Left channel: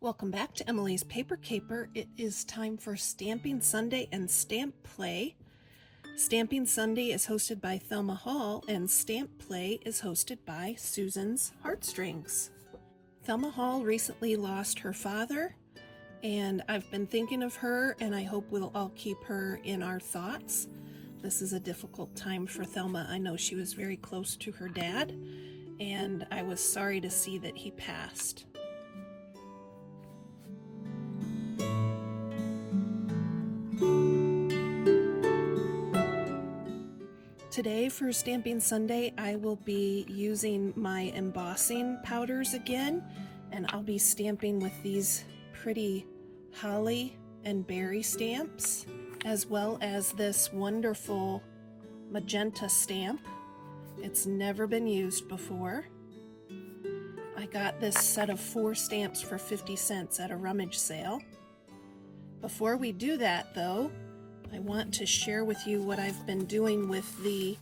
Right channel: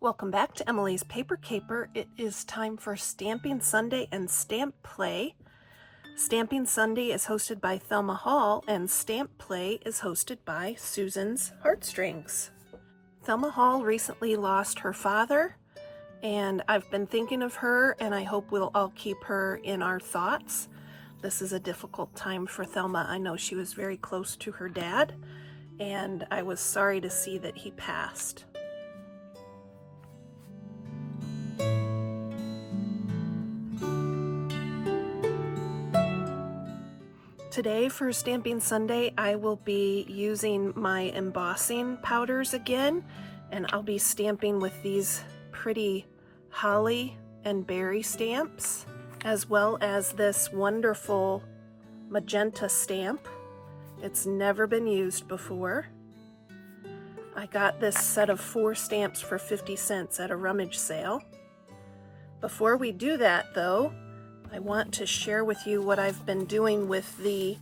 Welcome back to Emilee's Paper Caper. It is time for Stamping Sunday and Stamp Play. Stamping Sunday is hosted by Thelma Hall and Stamp Play is hosted by Susan's Heartstrings. Thelma Hall recently lost her father, and I've been thinking of her, and I hope we'll all keep her in our thoughts. This is a difficult time for Thelma. I know she was very close to her dad, and I was sorry to see that he passed. Today for Stamping Sunday, I will be using my embossing powders again, and I'll be stamping with these pretty holly and berry stamps, as well as this wonderful magenta stamp. It's never been used before. I got this set of 4 stamps for 50 cents at a rummage sale. Before we do that though, I want to share with you what I've been doing with the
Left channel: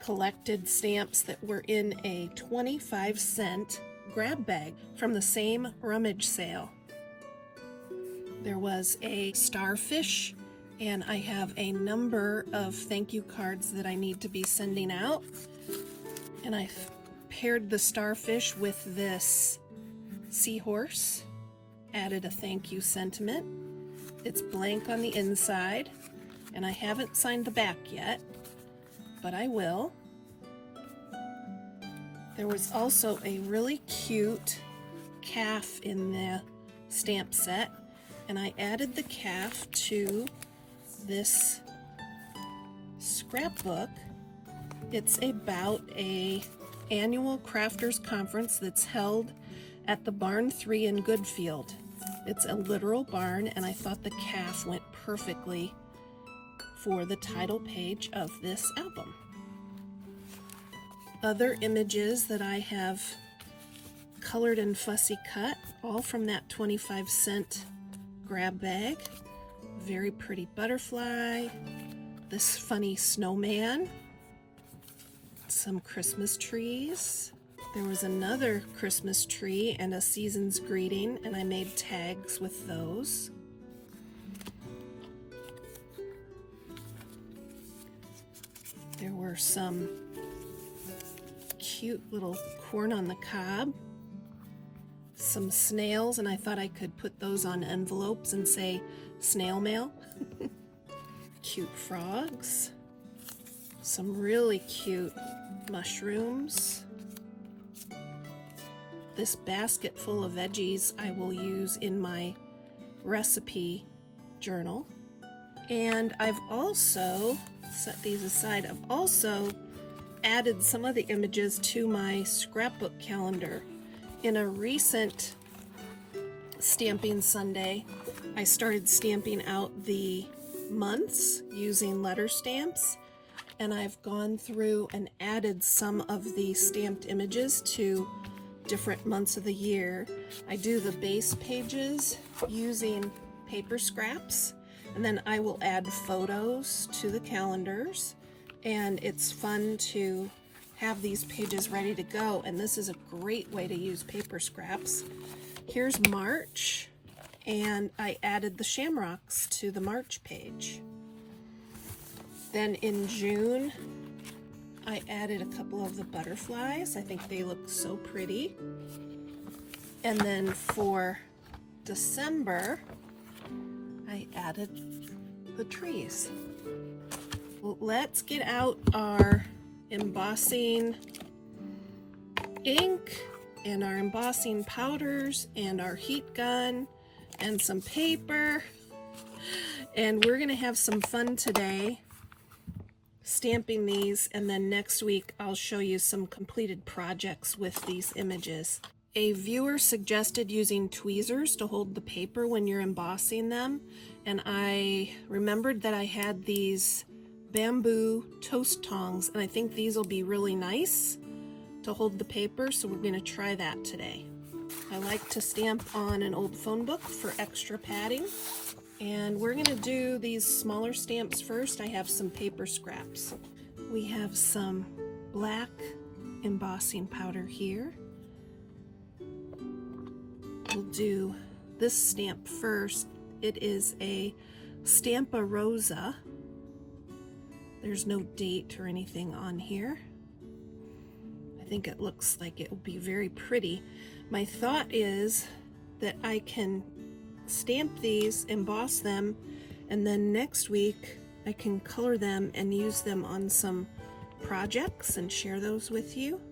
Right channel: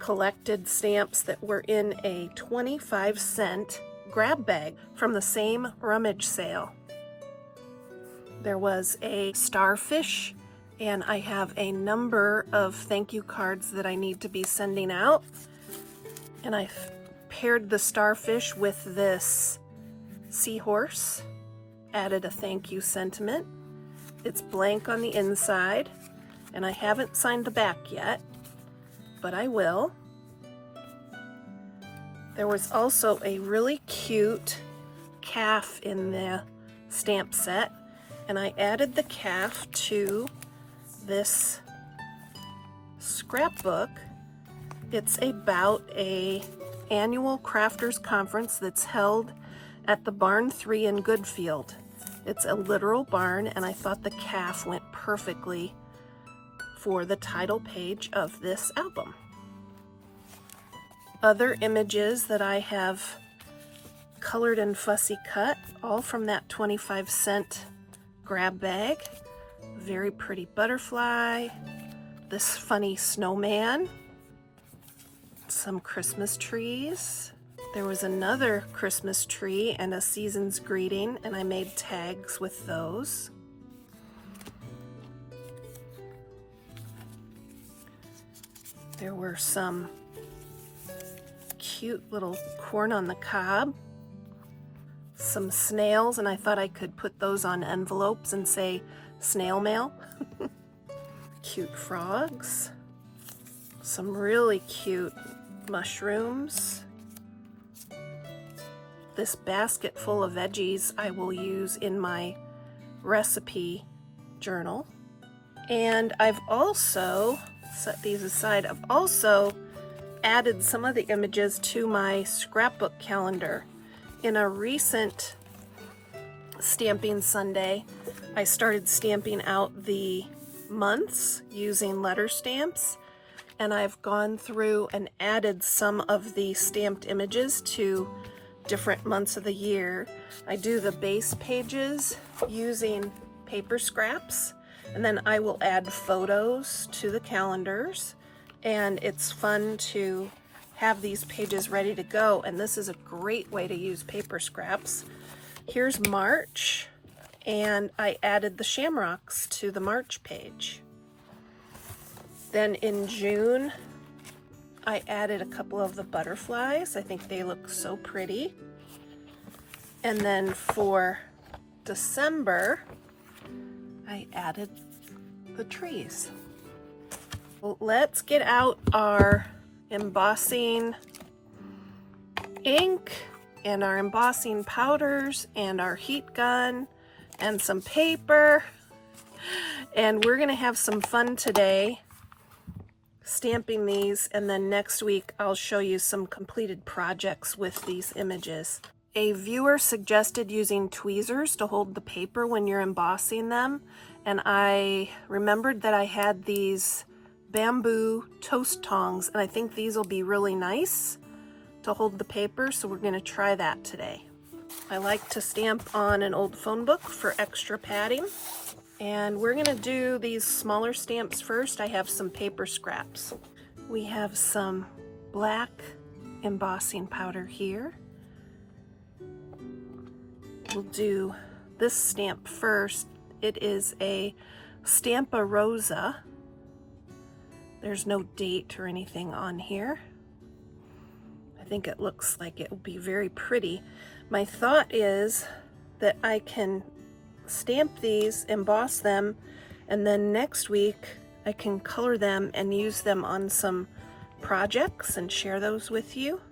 collected stamps that were in a 25-cent grab bag from the same rummage sale. There was a starfish, and I have a number of thank you cards that I need to be sending out. And I've paired the starfish with this seahorse, added a thank you sentiment. It's blank on the inside, and I haven't signed the back yet, but I will. There was also a really cute calf in the stamp set, and I added the calf to this scrapbook. It's about an annual crafters conference that's held at the Barn 3 in Goodfield. It's a literal barn, and I thought the calf went perfectly for the title page of this album. Other images that I have colored and fussy cut, all from that 25-cent grab bag. Very pretty butterfly, this funny snowman, some Christmas trees. There was another Christmas tree and a season's greeting, and I made tags with those. There were some cute little corn on the cob, some snails, and I thought I could put those on envelopes and say snail mail. Cute frogs, some really cute mushrooms. This basket full of veggies I will use in my recipe journal. And I've also set these aside. I've also added some of the images to my scrapbook calendar. In a recent Stamping Sunday, I started stamping out the months using letter stamps, and I've gone through and added some of the stamped images to different months of the year. I do the base pages using paper scraps, and then I will add photos to the calendars, and it's fun to have these pages ready to go, and this is a great way to use paper scraps. Here's March, and I added the shamrocks to the March page. Then in June, I added a couple of the butterflies. I think they look so pretty. And then for December, I added the trees. Well, let's get out our embossing ink and our embossing powders and our heat gun and some paper. And we're gonna have some fun today stamping these, and then next week I'll show you some completed projects with these images. A viewer suggested using tweezers to hold the paper when you're embossing them, and I remembered that I had these bamboo toast tongs, and I think these will be really nice to hold the paper, so we're going to try that today. I like to stamp on an old phone book for extra padding, and we're going to do these smaller stamps first. I have some paper scraps. We have some black embossing powder here. We'll do this stamp first. It is a Stampa Rosa. There's no date or anything on here. I think it looks like it will be very pretty. My thought is that I can stamp these, emboss them, and then next week I can color them and use them on some projects and share those with you.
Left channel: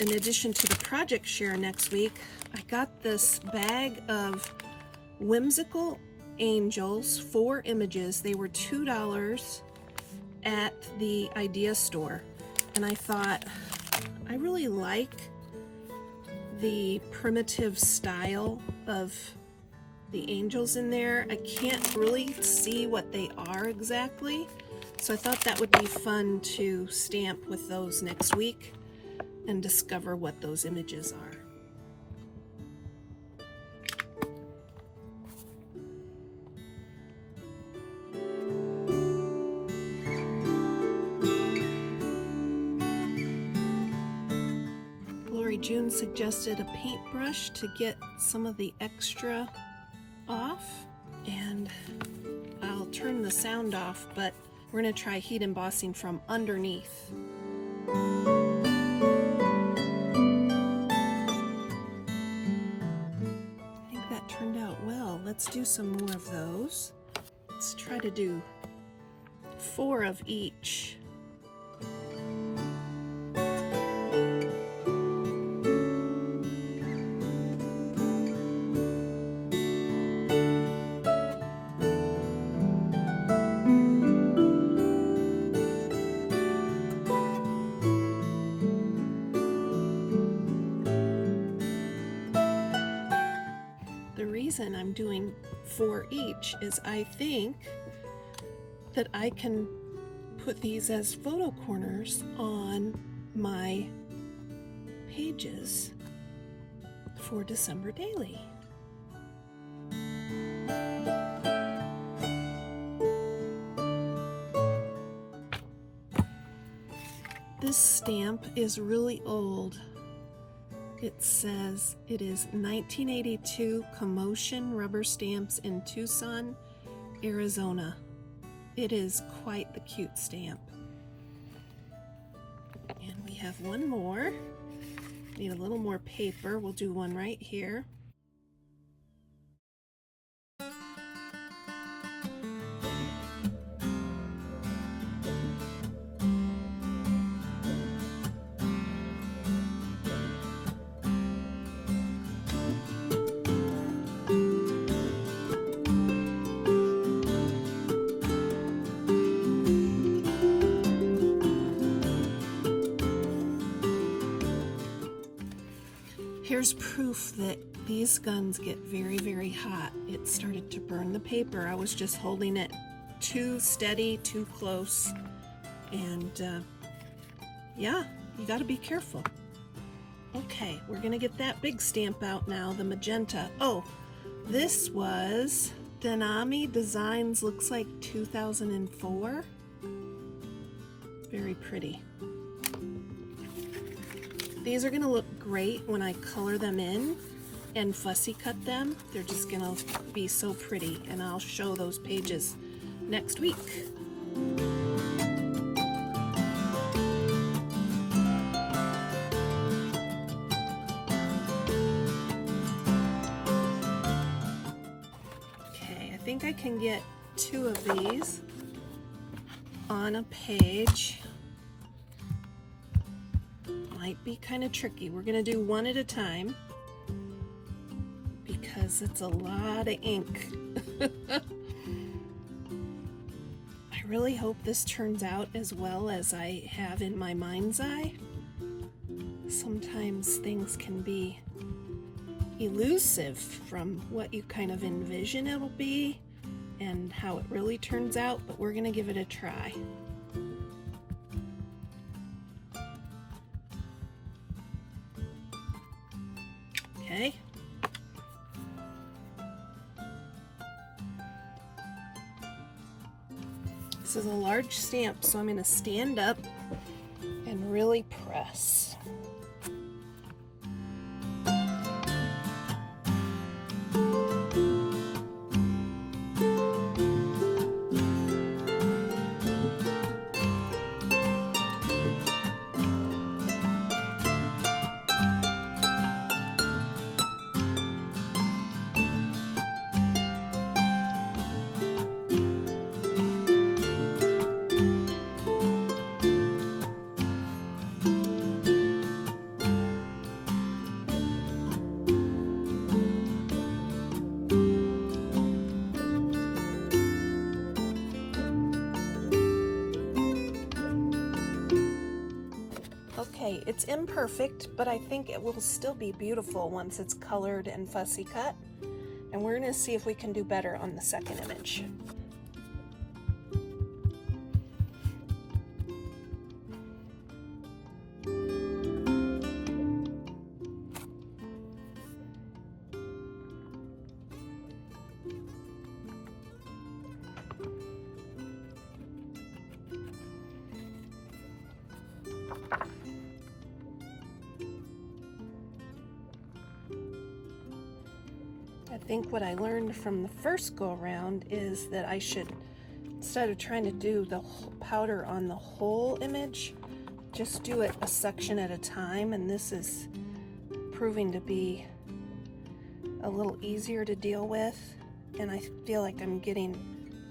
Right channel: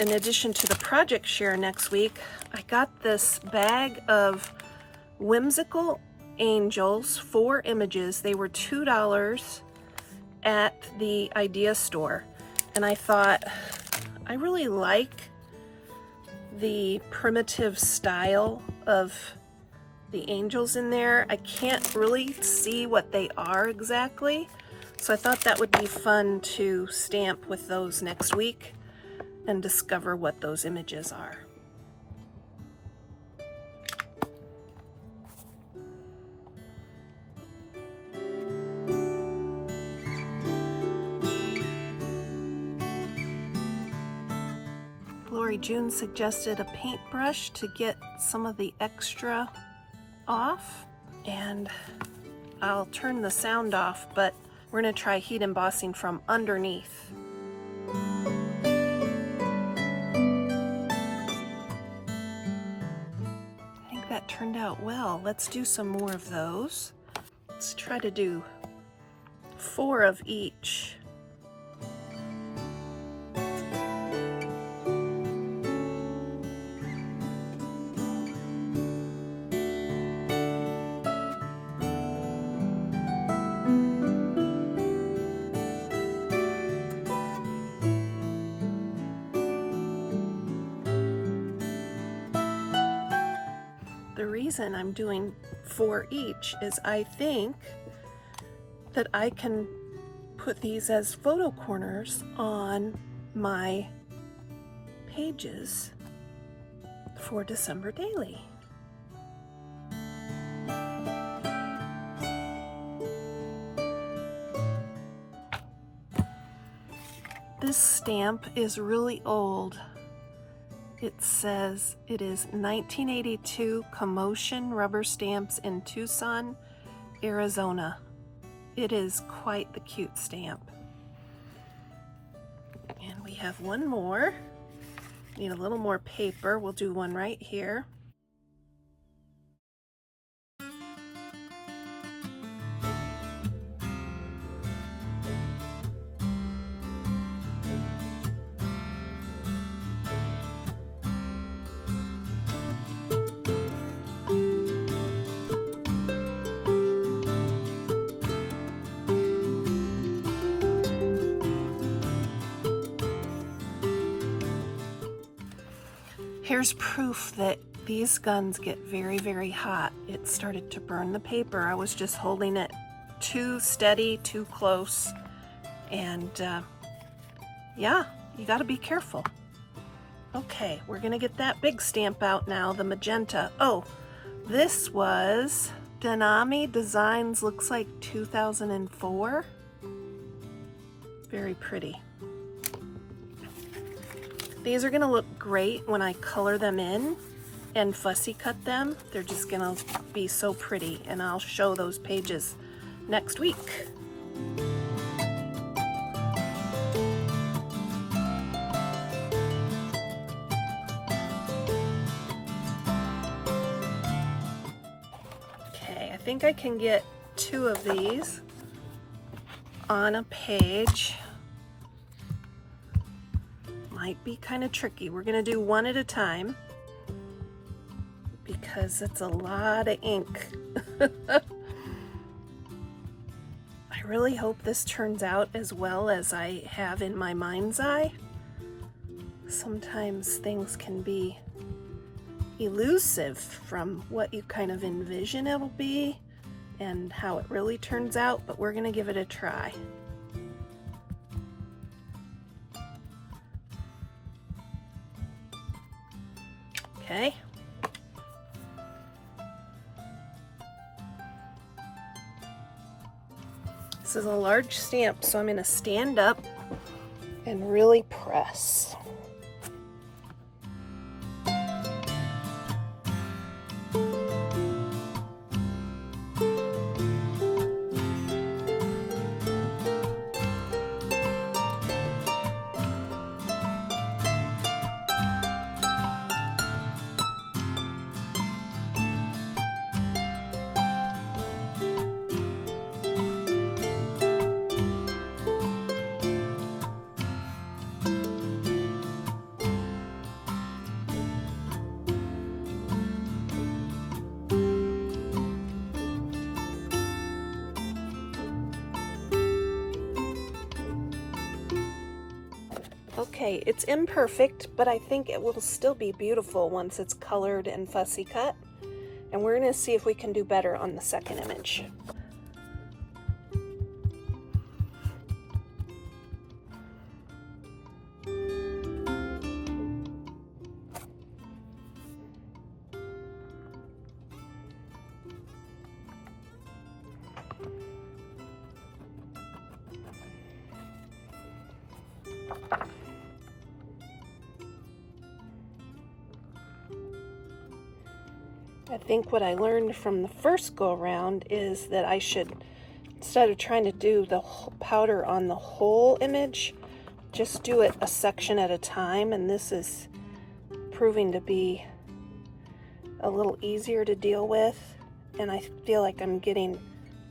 In addition to the project share next week, I got this bag of whimsical angels, 4 images. They were $2 at the Idea store, and I thought, I really like the primitive style of the angels in there. I can't really see what they are exactly, so I thought that would be fun to stamp with those next week and discover what those images are. June suggested a paintbrush to get some of the extra off, and I'll turn the sound off, but we're going to try heat embossing from underneath. I think that turned out well. Let's do some more of those. Let's try to do 4 of each. The reason I'm doing 4 each is I think that I can put these as photo corners on my pages for December Daily. This stamp is really old. It says it is 1982 Commotion rubber stamps in Tucson, Arizona. It is quite the cute stamp. And we have one more. Need a little more paper. We'll do one right here. Here's proof that these guns get very, very hot. It started to burn the paper. I was just holding it too steady, too close. And yeah, you gotta be careful. Okay, we're gonna get that big stamp out now, the magenta. Oh, this was Denami Designs, looks like 2004. Very pretty. These are gonna look great when I color them in and fussy cut them. They're just gonna be so pretty, and I'll show those pages next week. Okay, I think I can get 2 of these on a page. Might be kind of tricky. We're going to do one at a time because it's a lot of ink. I really hope this turns out as well as I have in my mind's eye. Sometimes things can be elusive from what you kind of envision it'll be and how it really turns out, but we're going to give it a try. Okay. This is a large stamp, so I'm going to stand up and really press. Okay, it's imperfect, but I think it will still be beautiful once it's colored and fussy cut. And we're going to see if we can do better on the second image. I think what I learned from the first go around is that I should, instead of trying to do the powder on the whole image, just do it a section at a time, and this is proving to be a little easier to deal with, and I feel like I'm getting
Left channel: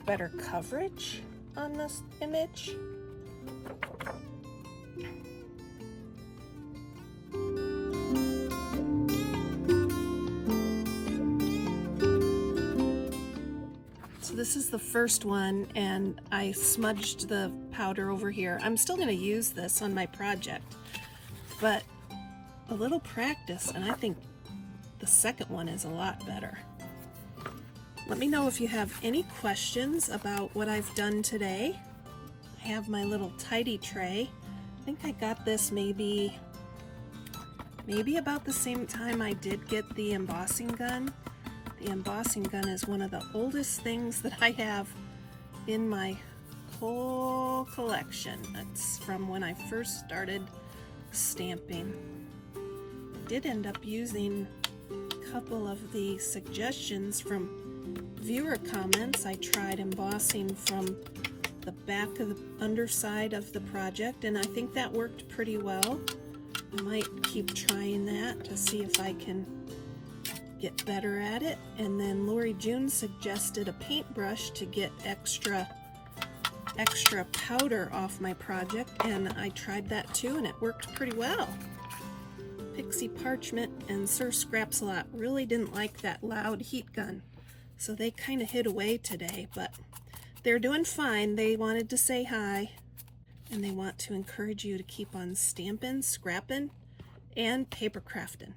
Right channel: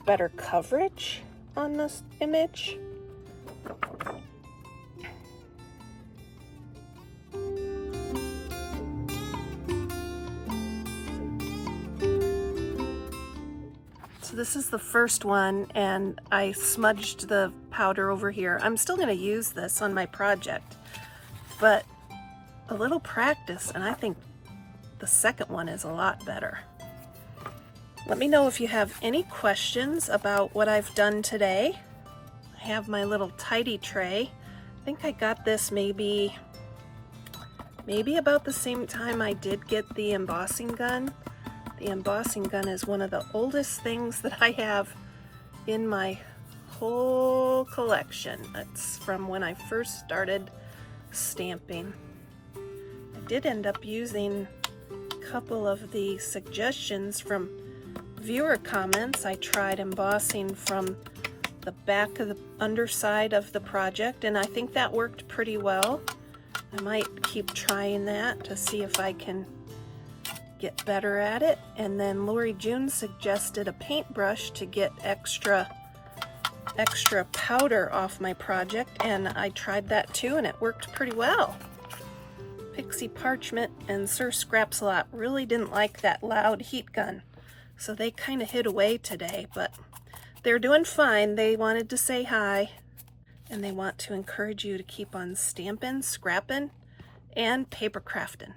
better coverage on this image. So this is the first one, and I smudged the powder over here. I'm still going to use this on my project, but a little practice and I think the second one is a lot better. Let me know if you have any questions about what I've done today. I have my little tidy tray. I think I got this maybe about the same time I did get the embossing gun. The embossing gun is one of the oldest things that I have in my whole collection. It's from when I first started stamping. I did end up using a couple of the suggestions from viewer comments. I tried embossing from the back of the underside of the project, and I think that worked pretty well. I might keep trying that to see if I can get better at it. And then Lori June suggested a paintbrush to get extra powder off my project, and I tried that too, and it worked pretty well. Pixie Parchment and Sir Scraps-a-Lot really didn't like that loud heat gun, so they kind of hid away today, but they're doing fine. They wanted to say hi, and they want to encourage you to keep on stamping, scrapping, and paper crafting.